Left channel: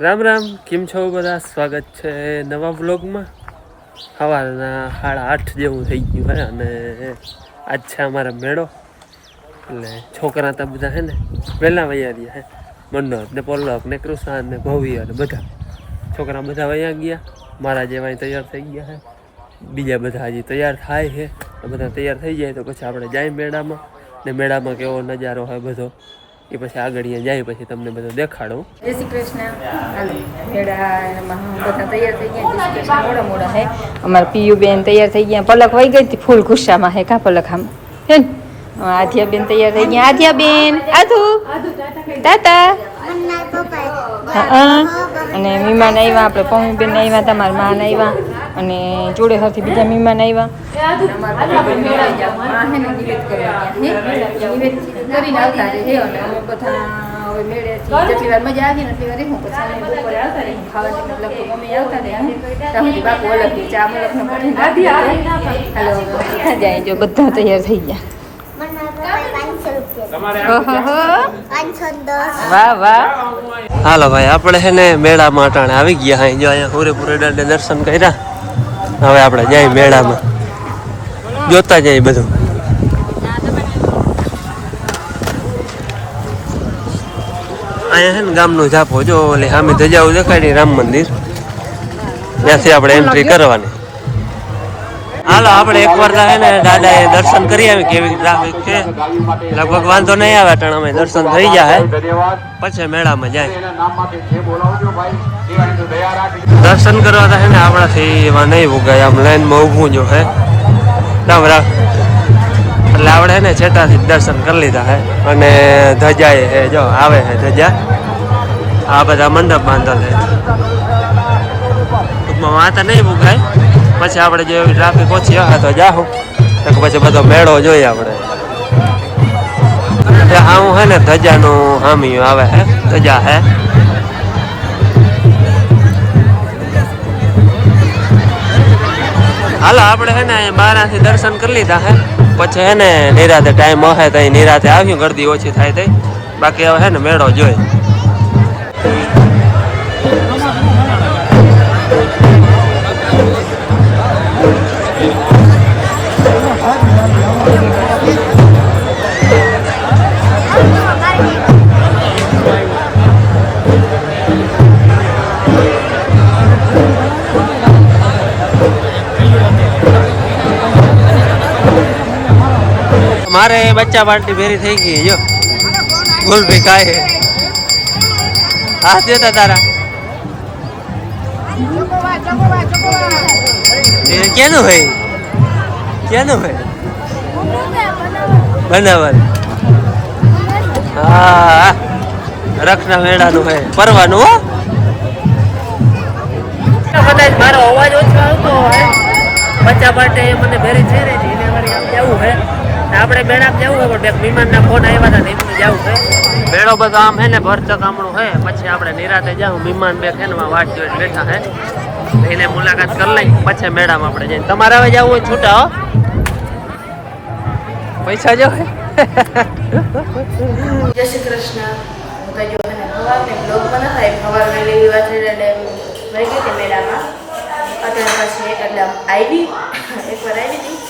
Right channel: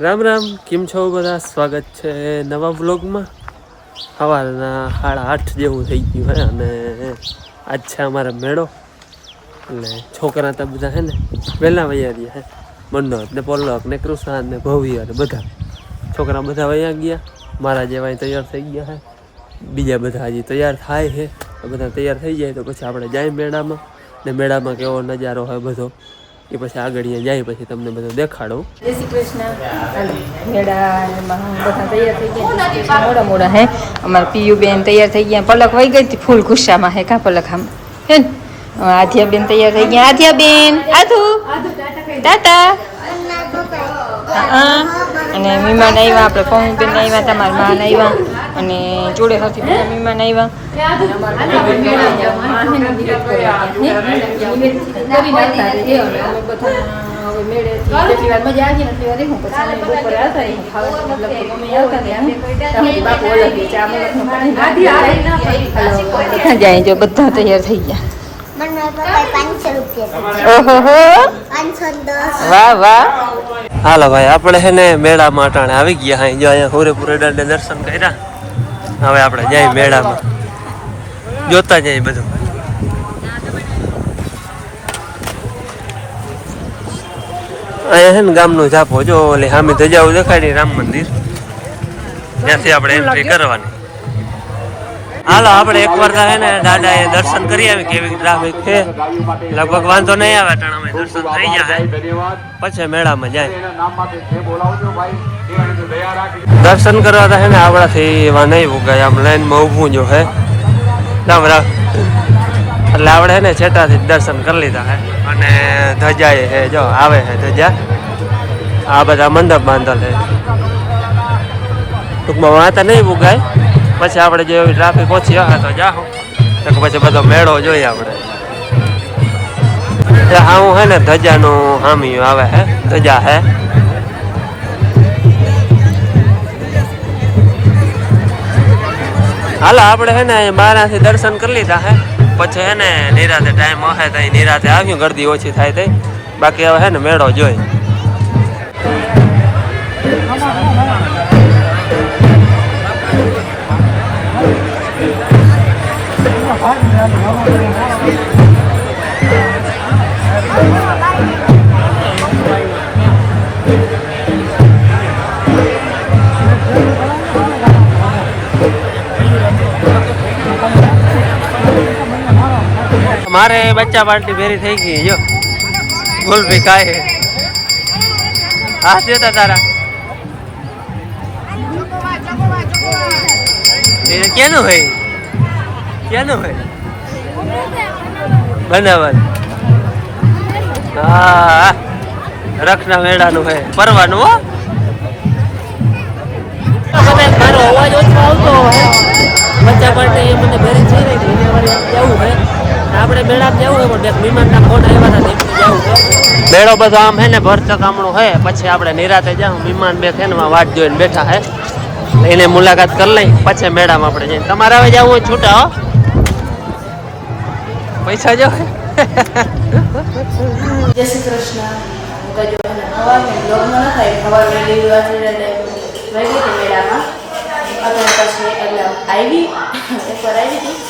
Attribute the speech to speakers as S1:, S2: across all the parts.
S1: રામ રામ, કેમ છો બધા? સ્વાગત છે નવા વ્લોગમાં. સવારના સાડા આઠ જેવું થઈ ગયું હે અને આજ છે અમારો મેળો. એટલે છોકરા તો બધા છે ને વહેલા વૈયા ગયા હે. મનોહર ને પોલક ને કૃષ્ણ ને ભવ્ય ને બધા. છોકરા બધા વૈયા ગયા. મારા જેવા તૈયાર થઈ ગયા હે. બીજા બધા હજી તૈયાર થાય છે બધા તૈયાર થઈ જાય તો પછી આપણે જાય મેળામાં. ને મેળામાં કેવો નજારો હોય બધો. એ પછી આગળ જાય, પછી તમને બધું દેખાડો.
S2: જય શ્રી કૃષ્ણ. બધા તૈયાર થઈ ગયા. મોડા મોડા, હે? અમારા પીયુ બેન તૈયાર થઈ ગયા. પલક વહી ગઈ હતી ફૂલ ગુસ્સામાં, હે કા પલક આમ? હે ને? આધ્યા બેન તૈયાર થઈ ગયા. આધ્યા બેન, આધુ? ટાટા અને મીમાન આવ્યા, આપણે પમ્મી બેન આવ્યા, તમારા માન આવ્યા. અને જોડે સાથે બીજા મહેમાન આવ્યા. અમારા બધા મેળા માં હે ને નિવેદ કરવા ગયા હે નિવેદ કરીને આવતા રહે. અને અમે બધા હવે મેળેથી જેટલી વાર મજા આવી એટલી વાર રહી પછી અમે બપોરે આવતા રહી ખાવાની લગભગ અમે આવતા રહ્યા ત્યાં બાપુ અલગ ગયા ચા મલકનો કરી બધા જાય જો. બધા તૈયાર થઈ ગયા.
S3: પાંચસો રૂપિયા
S2: ઓહો
S3: પાંચસો દસ
S2: વાહ વાહ.
S1: હાલો ભાઈ આપણે છે ને મેળા માટાણે આવી ગયા હા જો અહીંયા હોરેપુરે દાડે દર્શન કર્યા. હવે આપણે જાય મેળામાં. જોતા જઈએ બધું. અહીંયા છે ને ગામનો ઝાપો, જો ઓલી સામે ધજાઓ દેખાડી રામ મંદિર. ત્યાંથી આપણે એન્ટ્રી કરવાની. હાલો, આપણે એકવાર છે ને દાદા એ દર્શન કરી આવી કેવી ટ્રાફિક છે? લગભગ વાંધો નહીં આવે, પણ અમે દર્શન થઈ ગયા હે. પછી મેળામાં જાય. દર્શન કરવા તો હે ને આપણાથી એવા નહીં ઉગાય, આમ લાઈનમાં ઊભું જો હે. રામ રામ એટલે આપણે હે ને છેટાથી દર્શન કરી લીધા હે. અને ધજા એ હે, જો, આવે હે ધજા. આ બધા મંડપ બાંધેલ હે. ટૂંકમાં વાંતા નહીં ઉગાય. પછી આપણે જો ટ્રાફિક ઓછી હશે તો જાહું. તો પછી બધો મેળો જોઈએ આપણે. હા હું હે ને, ધજાનું હામીયું આવે હે, ધજા હે. હાલો, આપણે હે ને, બારાથી દર્શન કરી લીધા હે. પછી હે ને, નિરાતે ટાઈમ હે તો નિરાતે આવ્યું, ગરદી ઓછી થાય તઈ બાકી હવે હે ને, મેળો જોઈ મારે બચ્ચા પાર્ટી ભેરી થઈ ગઈ જો. ભૂલ ભી હે હાથ દેતા તારા. કેનું ભાઈ કેનું ભાઈ બનાવલ હા રખના મેળાનું હોય. પરવાનું હો. કદાચ મારો અવાજ ઓછો આવતો હોય. બચ્ચા માટે મને ભેરી થઈ રહી. છે આમ જવું છે આપણે બેડા જવું હોય પણ બે મહેમાનના ફોન આવ્યા હતા એમનું જવું છે મેળો બધો આમ હે ને ભરત કામણું હે. પછી આપણે નિરાતે જાઉં મહેમાન બે ફેનમાં વાટ જોઈને બેઠા હે. એને મુલાકાત કરી લઈ પછી મેળામાં આપણે જઈને. તમારે હવે જવું હોય છૂટા હો. પૈસા જો. હે
S2: જય શ્રી કૃષ્ણ. હું બ્લોગમાં ન થાય મેળામાં. અત્યારે પાછી એટલે આવી એકવાર આવી હતી.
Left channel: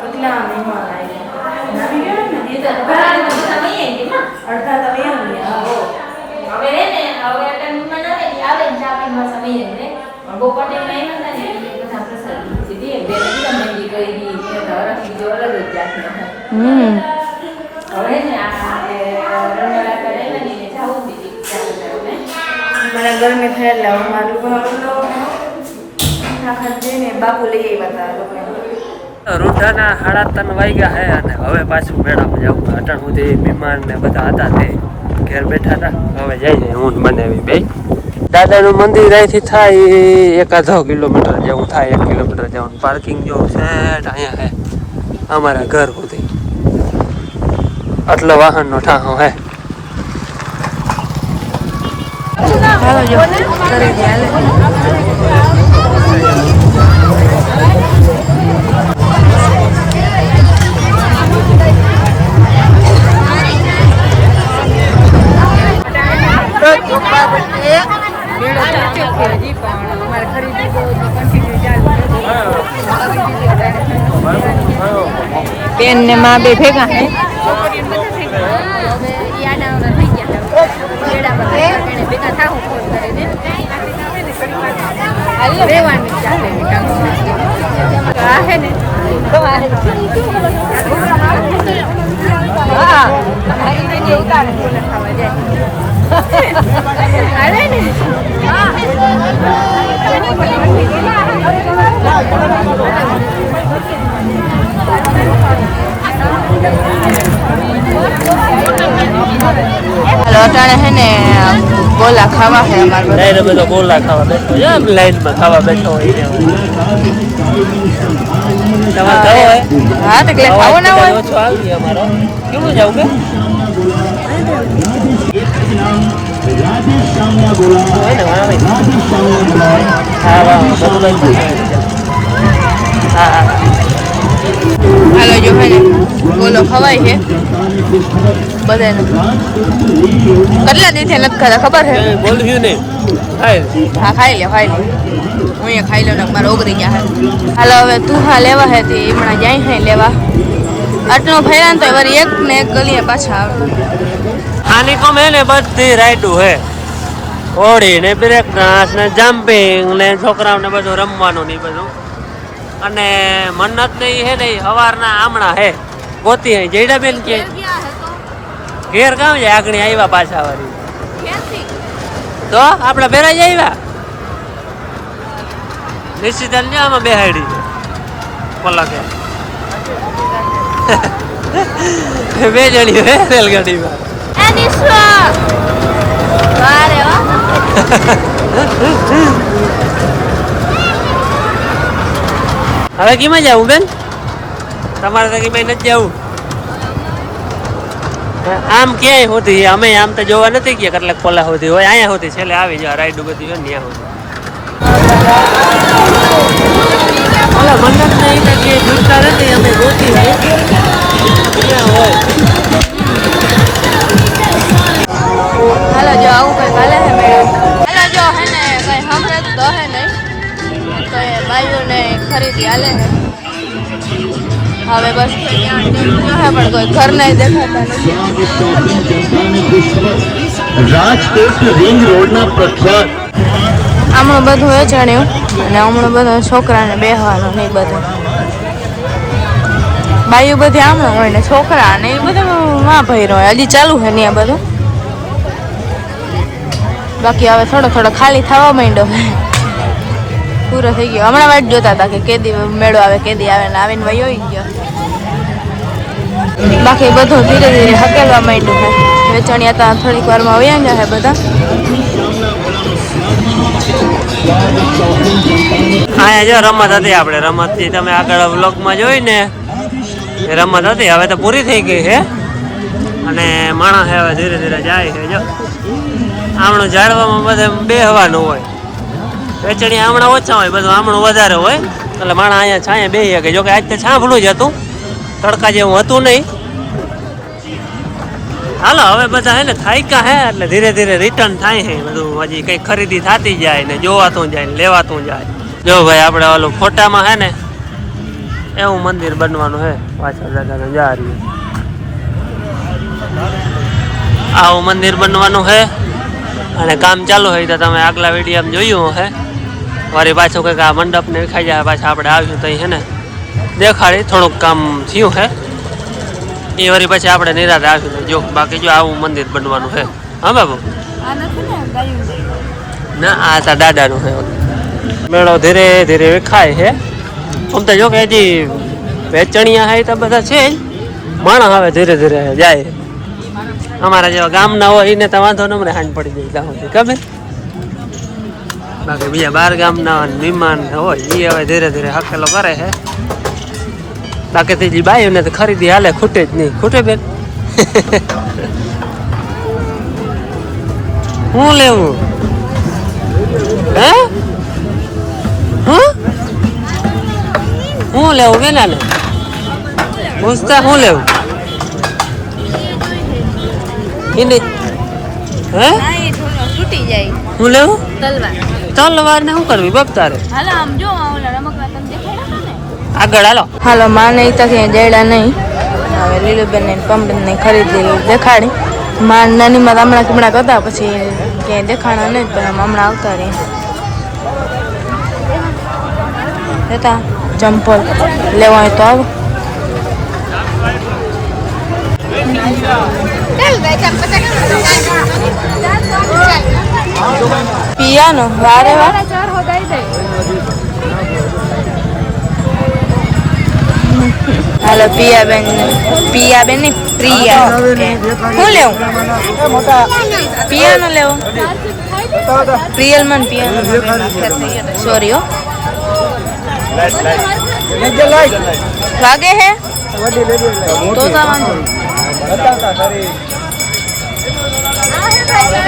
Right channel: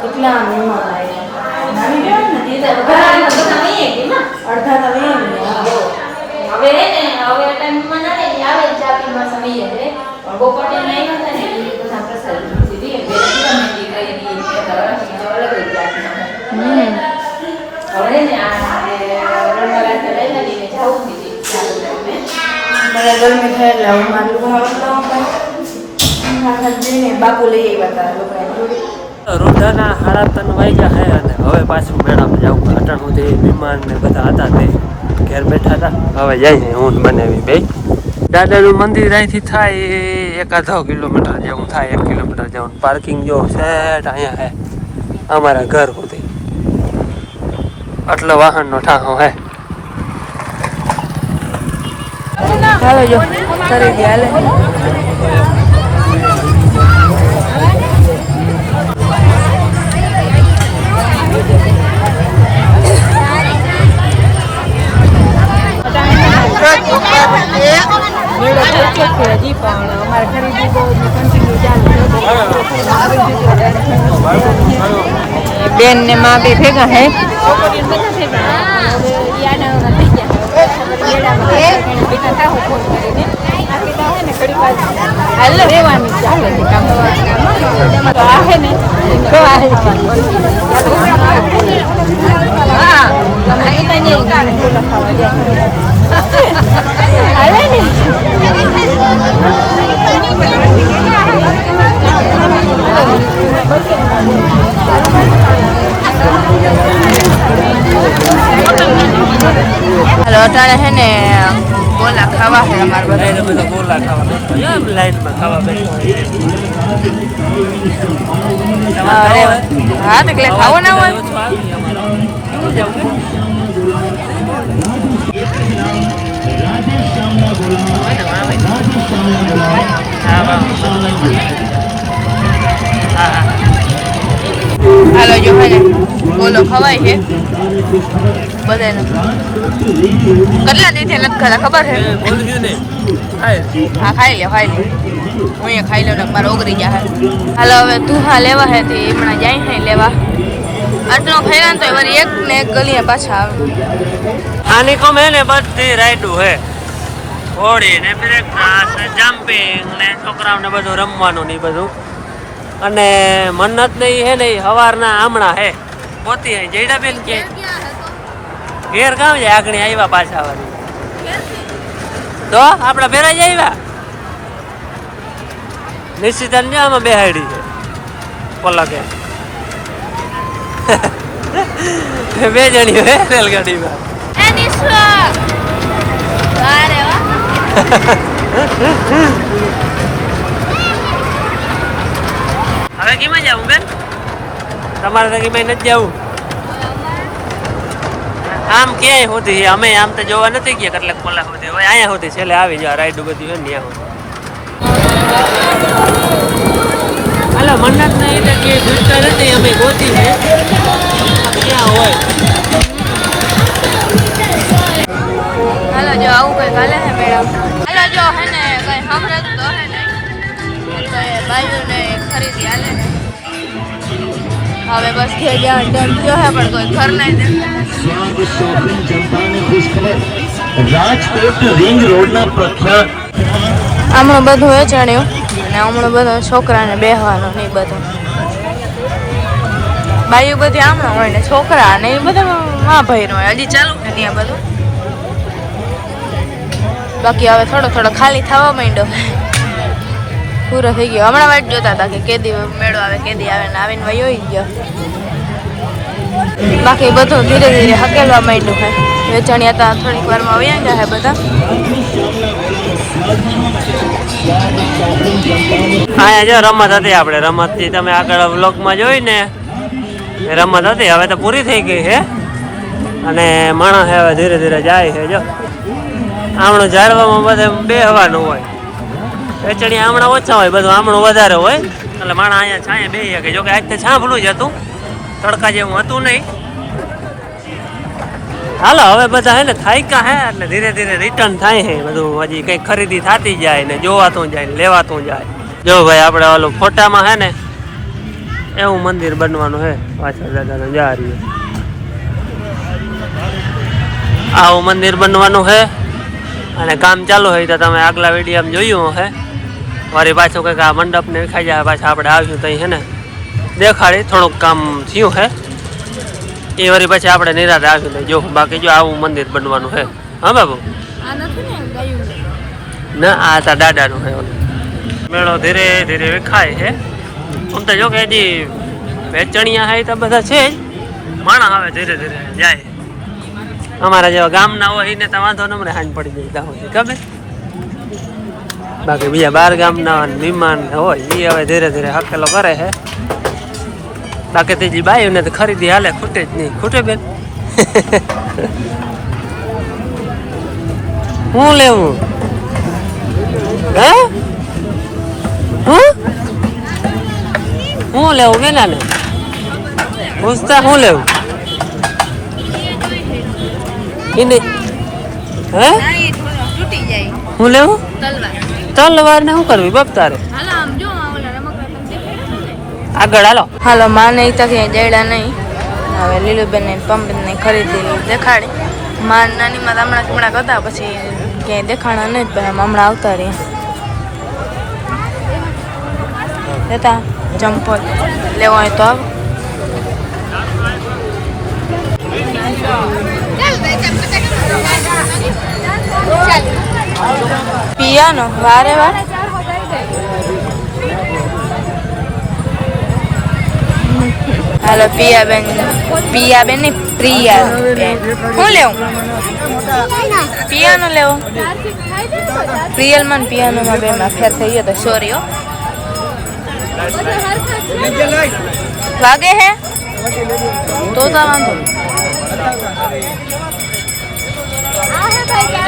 S2: કેટલા મહેમાન આવ્યા? નાની કહેવાય ને તે તો બધા અડધા તો અહીંયા આવ્યા હમ. મને ગરમી થાય એટલે હું મારું લોકો આખા જઈને બાપુ લઈ આવ્યા હતા
S1: રૂઢાના સાડા ત્રણ વાગ્યા હે અને હવે પાછું મેળામાં જાઉં અટણ સુધી મહેમાન ને બધા હતા તે ઘેર બેઠા હતા હવે જાય હું ઊંઘ બનાવી બે. દાદાનું મંદિર અહીંથી થાય એકાદો કિલોમીટર જેવું થાય એક કિલોમીટર જેવું. પાર્કિંગ જો છે અહીંયા હે અમારા ઘર સુધી. આટલો વાહનનો ઠાહો હે.
S2: હાલો જો કરી દે હાલે. મેળો ભરતો છે હજી પણ અમારે ખરીદી બહુ કન્ટિન્યુ ચાલુ બેન ને માં બે ભેગા હે. છોકરીઓ બધા ભેગા. હે. હવે ઈ આડાઅવળા થઈ ગયા. હે મેળામાં કઈ એને ભેગા થાવું ફોન કરીને. બાકી તો હે ને રહેવાનું ચાલે કામ. આ હે ને. હા. ખાવા જાય. અટાણે હે ને ગોલા ખાવા હે અમારે બધા.
S1: બધા ગોલા ખાવા બેઠો છે આમ લાઈનમાં ખાવા બેઠો
S2: હા, એટલે ખાવો ના હોય?
S1: કેવું જાવ કે હોય ને વાહ હા વાહ બધું બંધ હા હા
S2: હાલો જો હે ગોલો ખવાય છે? બધાને. કેટલા દિવસે નથી ખાતા ખબર છે? હા, ખાઈ લે ખાઈ લે. હું એ ખાઈ લઉં મારે ઓગળી ગયા હે હાલો, હવે તું હા લેવા હે તે હમણાં જાય છે લેવા. આટલો ફેરાન તો વળી એક ને એક ગલીએ પાછા આવે.
S1: આની કોમ હે ને, બધી રાઈડું હે હોડી ને બ્રેક ડાન્સ ને જમ્પિંગ ને છોકરાઓને બધું રમવાનું ને બધું. અને મન્નત ને હે ને સવારના આમણા હે. પોતી હે જયડા બેન કે? ઘેર કામ છે આગળ આવ્યા પાછા વાળી. તો આપણે જ આવ્યા નિશ્ચિતન ને આમાં બેહાડી છે. પલકે. બે જણી હે રેલગાડીમાં. હવે કેમાં જવું બેન? તમારે તો કેમાં નથી જવું. આમ ક્યાંય હોતી અમે આમ તો જોવા નથી ગયા કેટલાક પોલા હોતી હોય અહીંયા હોતી છેલ્લે આવી જાય રાઈડ બધી હોય ને ત્યાં હોતી એટલે મને નહીં તો કે ભૂજતા નથી અમે ગોતી હોય ક્યાં હોય.
S2: હાલો જો આવું કઈ હાલે હે મેડમ. હે ને કઈ સાંભળે તો હે ને તો એ બાયુને ખરીદી આલે ને હવે બસ થઈ ગયા ટેમ જો હે પણ કોઈ ઘર નહીં દેખાતા.
S4: રાજકોટ રિંગ રોડના પ્રખ્યાત
S2: હમણાં બધું વેચાણ્યું અને હમણાં બધું છોકરાને બેહવાનું નહીં બધું. બાયું બધી આમણું હોય ને છોકરા ને એ બધું માં ભાઈ હોય. હજી ચાલુ છે ને આ બધું? બાકી હવે થોડો થોડો ખાલી થવા માંડ્યો. પૂરો થઈ ગયો. હમણાં વાત જોતા હતા કે કેદી મેળો આવે, કેદી આવે ને આવીને વયો ગયો. બાકી બધું ધીરે ધીરે હકેલવા માંડ્યું છે. વેચાણી હતા થોડીક વારમાં વયા ગયા હે બધા.
S1: અહીંયા જો રમત હતી આપણે. રમત તમે આગળ વ્લોગમાં જોઈ ને રમત હતી. હવે તો પૂરી થઈ ગઈ છે. અને માણસ હવે ધીરે ધીરે જાય છે, જો. આમણું ઝાડવામાં બધે હવાનું હોય. વેચણી આમણા ઓછા હોય, બધું આમણું વધારે હોય. એટલે માણસ અહીંયા છાંયે બે શકે જો કે આજ તો છાંભણું જ હતું. તડકા જેવું હતું નહીં. હાલો, હવે બધા હે ને થાયકા હે, એટલે ધીરે ધીરે રિટર્ન થાય હે બધું. હજી કઈ ખરીદી થતી જાય ને જોવાતું જાય ને લેવાતું જાય. જો ભાઈ, આપણે ઓલું ફોટામાં હે ને એવું મંદિર બનવાનું હે. પાછળ દાદાને જા રહ્યું આવું મંદિર બનવાનું હે. અને કામ ચાલુ હોય તો તમે આગલા વિડીયોમાં જોયું હે મારી પાછું કંઈક આ મંડપને ખાઈ જાય પાછા આપણે આવ્યું તો હે ને. દેખાડી થોડુંક કામ થયું હે. એ વળી પછી આપણે નિરાતે આવ્યું ને જો બાકી જો આવું મંદિર બનવાનું હે. હા બાબુ?
S2: ને
S1: આ તા દાદાનું હે મેળો ધીરે ધીરે ખાય છે આમ તો જો કે હજી વેચણિયા હાય તો બધા છે માણસ હવે ધીરે ધીરે જાય. અમારા જેવા ગામના હોય એને તો વાંધો ન મને હાંજ પડી જાય ત્યાં સુધી, ખબર? બાકી બીજા બાર ગામના મહેમાન હોય એ હવે ધીરે ધીરે હકેલો કરે છે. બાકી ત્રીજી બાઈઓને તો ખરીદી હાલે, ખૂટે જ નહીં. ખૂટે બેન. હું લેવું? હે? હું? લેવું બેના ને પૂછતા હું લેવું? એને હે?
S5: તૂટી જાય.
S1: હું લેવું?
S5: તલવાર.
S1: તલવાર ને શું કરવી બાપ તારે?
S5: હાલો આમ જો
S1: આગળ હાલો.
S5: હાલો માં નહીં તો દેડા નહીં. હવે લીલુબેન ને પમડન ને ખરીદી દેખાડી. માં નાની માં હમણાં કમણા કરતા પછી ક્યાંય દેખાણા નહીં પણ હમણાં આવતા રહ્યા. જતા ચંપલ લેવાય તો આવો. પિયાનો વારે વાર હાલો પિયાબેન પિયાબેન ને પ્રિયા બેન શું લેવું પિયાનો લેવો પ્રિયલમાં ને પિયાનોમાં બેમાં ફેર થઈ ગયો તો સોરી હો વાગે હે તો તો વાંધો નહીં.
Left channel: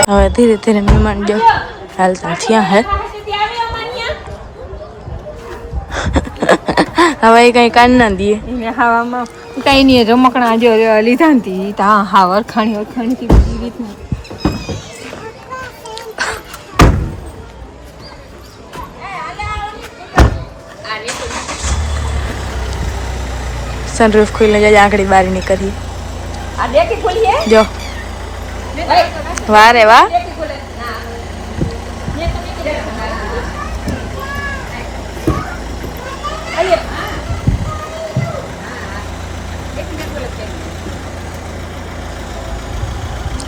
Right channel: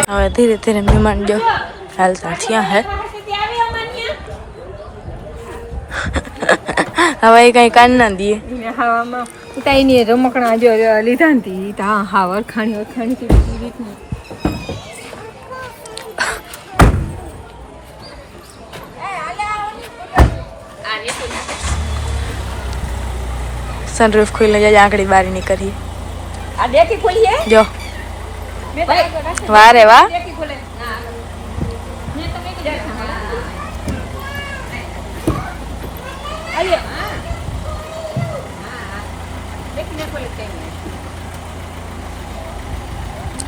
S5: હવે ધીરે ધીરે મહેમાન જો હાલતા થયા હે. હવે એ કઈ કાન ના
S2: એને કઈ નહીં રમકડા જો લીધા ને તા. હા વરખાણી વરખાણી થી બીજી રીતની.
S5: સનરૂફ ખુલ્લે જાય આંકડી બારી નીકળી જો. વારે વાહ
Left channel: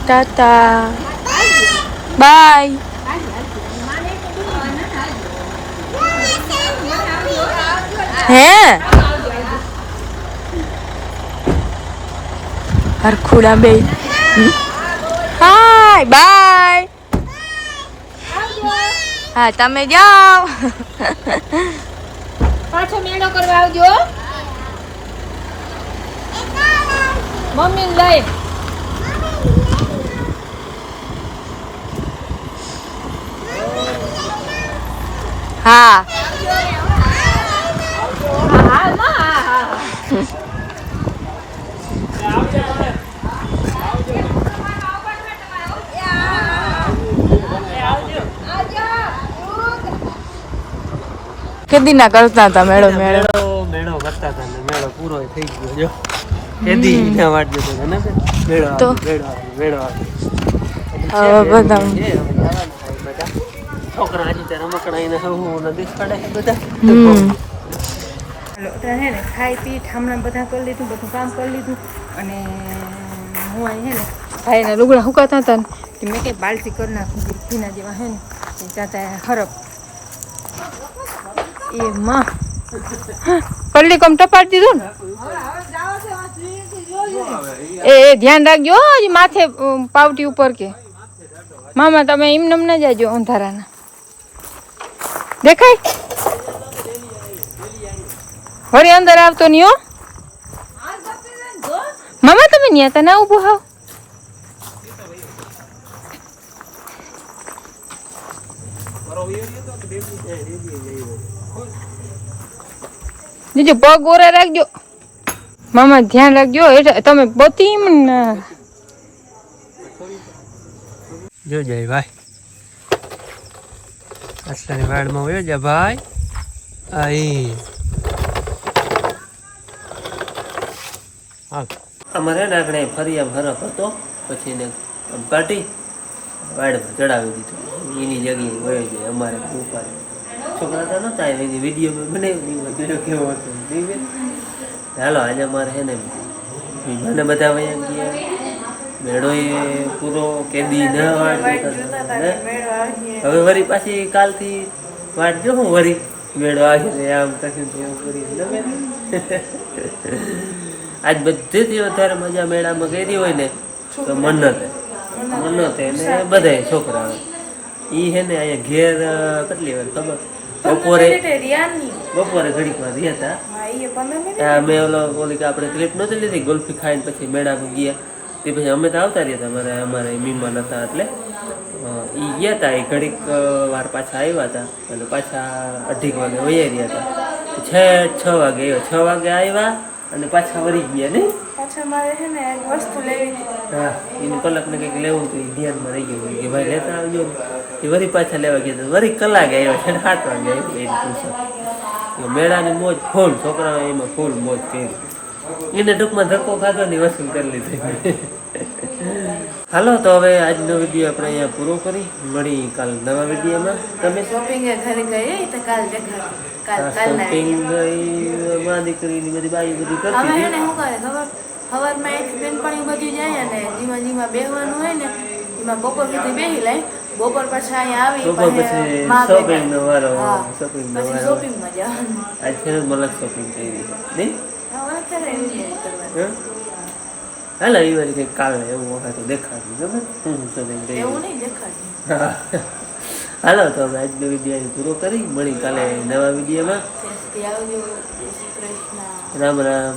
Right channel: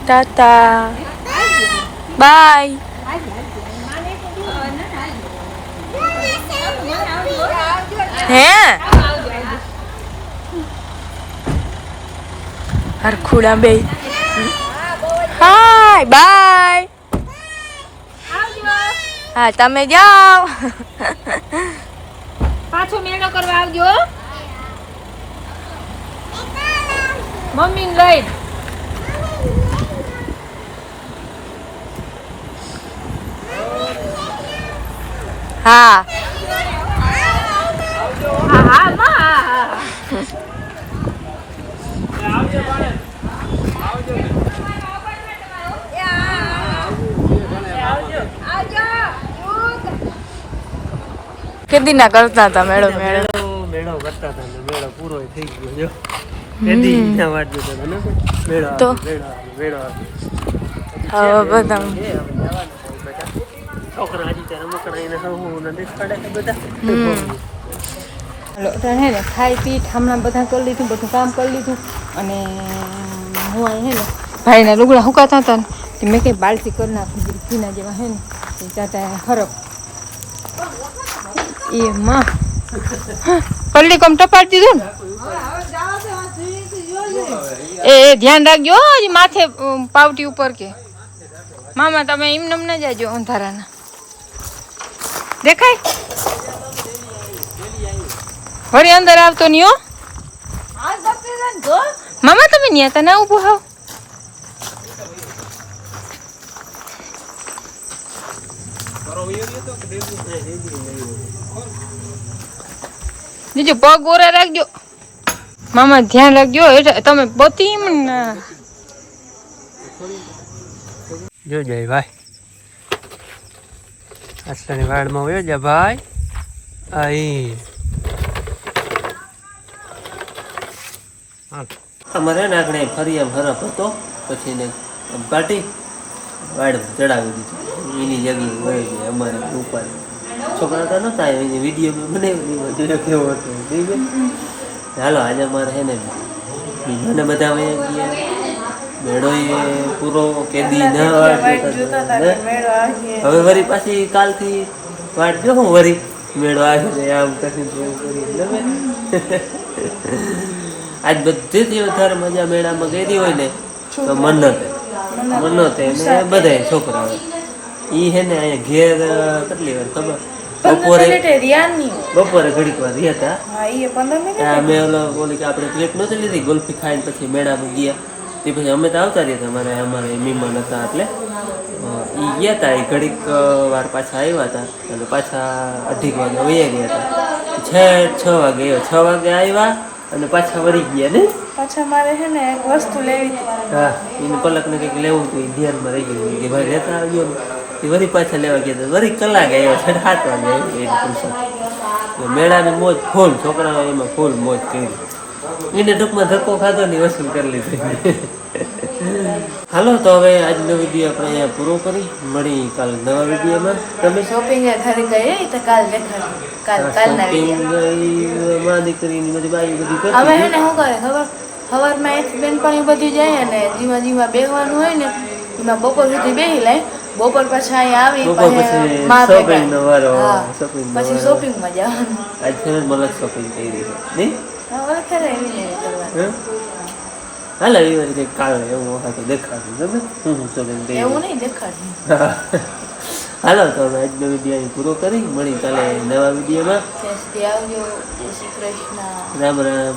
S5: ટાટા બાય હે હરખુડા બે હાય બાય હા તમે જાઓ
S2: પાછો કરવા આવજો. મમ્મી લઈ.
S5: હા. કેદી ના કરતા હતા મેળો મેળો.
S1: મેળો કરતા હતા મેળો પૂરો થઈ ગયો જો. કેદી ના વાટ જતો ને મેળો
S5: તો?
S1: મેળો.
S5: હવે બધા
S1: એ હવે ખાવાનું થાય બેટા. છોકરા હજી તો રમકડા એને હું નદી પડે બધા.
S2: હે ને ખાઈ પી ઠામણા બધા કરી લીધું બધું કામ કરી લીધું અને હું અહીં હે ને ભાઈના લુગડા હુકાતા હતા ને મેં કંઈ બાલટી કરી નાખી ઘીના જેવા હે ને એ જાતા હરપ એ માં. પલ્લી કોમ ટપાડી દીધું ને? એ એ ધ્યાન રાખજો હો, હજી માથે પાવટી ઉપર કે. મામા તમે એમ નમ ન જાજો અંધારાના. દેખાય? વળી અંદર આવતો નહીં હો. મામા તમે ન્યા હતા ના ઊભું હાવ. બીજું પગ ઓરા રાખજો. મામા ધ્યાન રાખજો એટલે તમે બતી
S1: જો જય ભાઈ. આટલાની વાડમાં હોય જા ભાઈ. આઈ. અમારે ને આગળ ફરી આમ હરફ હતો પછી એને કાઢી વાડમાં ચડાવી દીધું. એની જગ્યાએ વયો જાય અમારે ઉપર. છોકરા તો નતા એની વીડિયો મેં બનાવી એમાં જોયો કેવો હતો. હાલો, આજે અમારે છે ને બીજાને બધા વયા ગયા. મેળો એ પૂરો કેદી ન? હવે વરી પાછી કાલથી વાટ હું વરી મેળો આવી ને આમ કરશું તેમ કરી આજ બધેથી વધારે મજા મેળામાં કરી હોય ને, તો મન્નતે મન્નતે ને બધા છોકરા હોય એ હે ને અહીંયા ઘેર કેટલી વાર ખબર? બપોરે બપોરે ઘડીક વાર રહ્યા હતા. આ મેં ઓલો ઓલી કે આપણે ક્લિપ નથી લીધી ગુલ્ફી ખાઈને પછી મેળામાં ગયા. તે પછી અમે તો આવતા રહ્યા હતા અમારે અમારે મહેમાન હતા એટલે. એ ગયા હતા એ ઘડીક વાર પાછા આવ્યા હતા. અને પાછા અઢીક વાગે વયા રહ્યા હતા. છ છ વાગે છ વાગે આવ્યા અને પાછા વળી ગયા ને?
S5: પાછા મારે છે ને એક વસ્તુ લેવી
S1: હા એને પલકને કંઈક લેવું હતું એ ધ્યાનમાં રહી ગયું. કે ભાઈ લેતા આવ્યો ને. એ વળી પાછા લેવા ગયા હતા વળી કલાક આવ્યો છે સાત વાગે આવ્યો મેળાની મોજ ફૂલ છોકરાઓ એમાં ફૂલ મોજ કરી. એને ટૂંકમાં ધક્કો ખાધો ને વસૂલ કરી લીધી. હાલો તો હવે આજનો વીડિયો આપણે અહીંયા પૂરો કરી. મળી કાલ નવા વિડીયોમાં. તમે
S5: શોપિંગ ઘરે ગઈ તો કાલ
S1: શોપિંગમાં દીકરીની બધી બાઈ બધી કરતી
S5: હવે એને શું કરે ખબર? સવારમાં એક બેનપણી બધી જાય અને જીવા જીવા બેહવાનું હોય ને એમાં બપોર સુધી બેહી લે. બપોર પછી અહીંયા આવી
S1: બપોર પછી શોપિંગ નો વારો, shopping નો વારો.
S5: શોપિંગમાં જવાનું.
S1: આજ ફેર મલક શોપિંગ કરી છે ને
S5: હવે એવી રીતે કરવાનું.
S1: હાલ આવી કંઈક કાલે એવું હોય તો દેખાડું ગમે હું હું શોપિંગ કરી
S5: એવું નહીં
S1: હાલો તો અમે આજનો વીડિયો પૂરો કરી. મળી કાલે નવા વિડીયોમાં
S5: કૃષ્ણ.
S1: રામ રામ.